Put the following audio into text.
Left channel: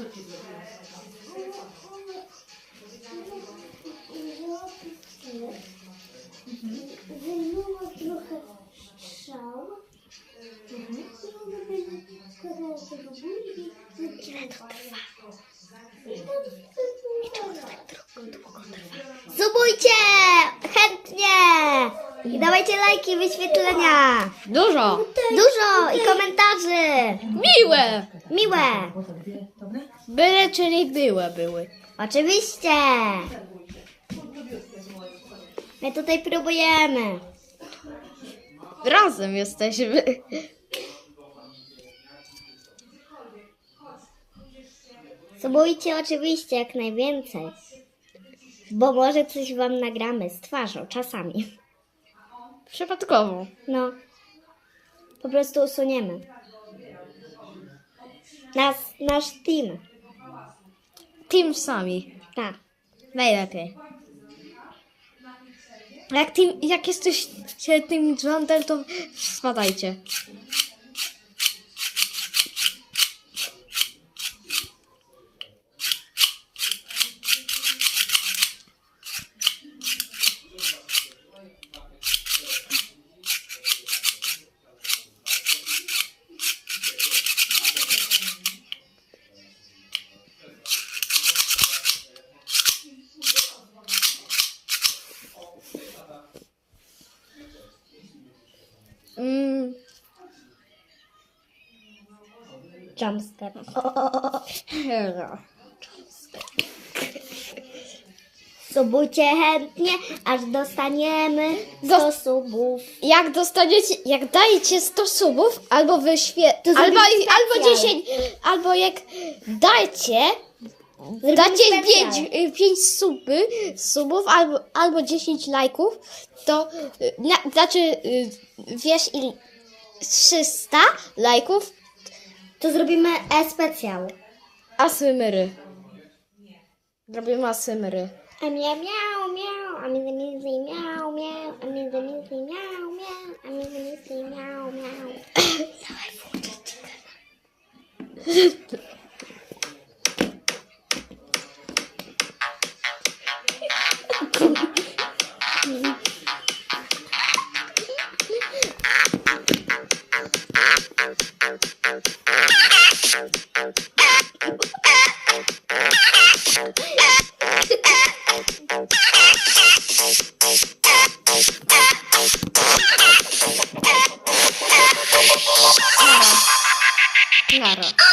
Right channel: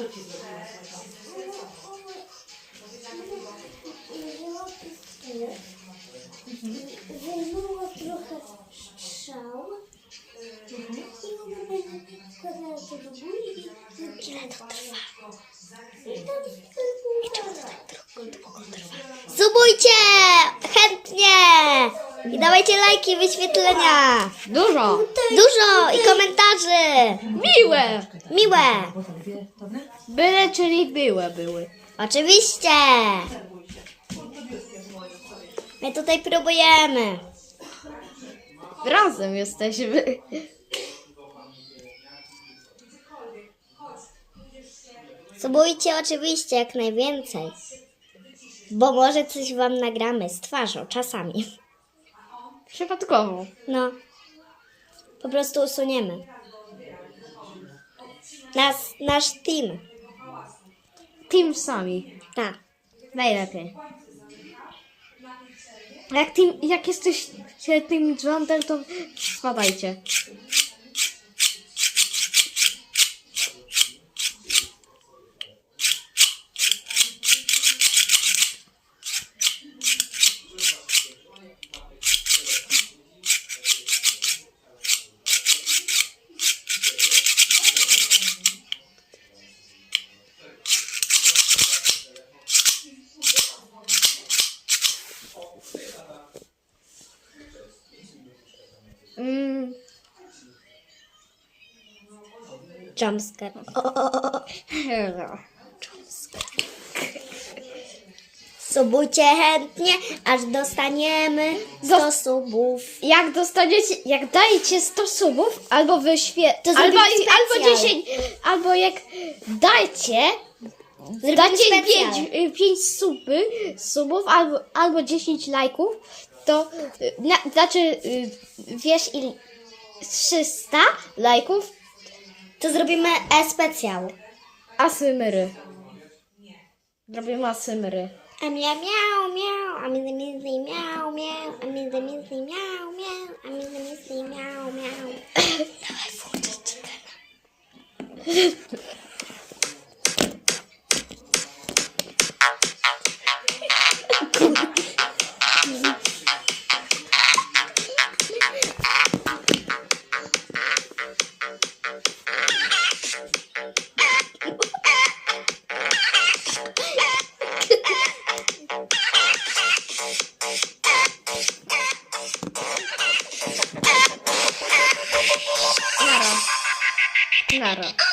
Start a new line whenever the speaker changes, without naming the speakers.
Co ci zrobiła?
Wyjęła trochę strzał i wkładała to do i Ile to trwa? Subujcie! Chętnie! I dawajcie lajki, wyświetlenia!
Dużo.
Dużo i komentarzy!
Miłe.
Miłe!
Byle, czyli były, były.
Oczywiście! My tutaj próbujemy.
Razem jesteśmy.
Subujcie oczywiście jak najwięcej. Bo może coś wam nagramy z twarzą czasami.
Przypadkowo.
No. Po prostu usuniemy. Nas, nasz team.
Team sami.
Tak.
Najlepiej. Jak, team, jak jesteś team Jandel, to spadajcie. Mm,
Jumpscare. Subujcie chętnie, aż dostaniemy 100 subów.
Jak dostaniecie, jak dajecie 100 subów, albo wyświe...
To
albo,
zrobimy
albo
specjal.
10, albo jak dajcie,
Zrobimy
dacie
specjal.
5, 5 suby, subów, albo, albo 10 lajków, to y, na, znaczy, y, wiesz, il, 300 lajków,
To zrobimy e-specjal.
asymry. Robimy asymry.
A miau miau miau, a między między miau miau, a między między miau miau, a między między miau miau. Dawaj włączyć 是啊。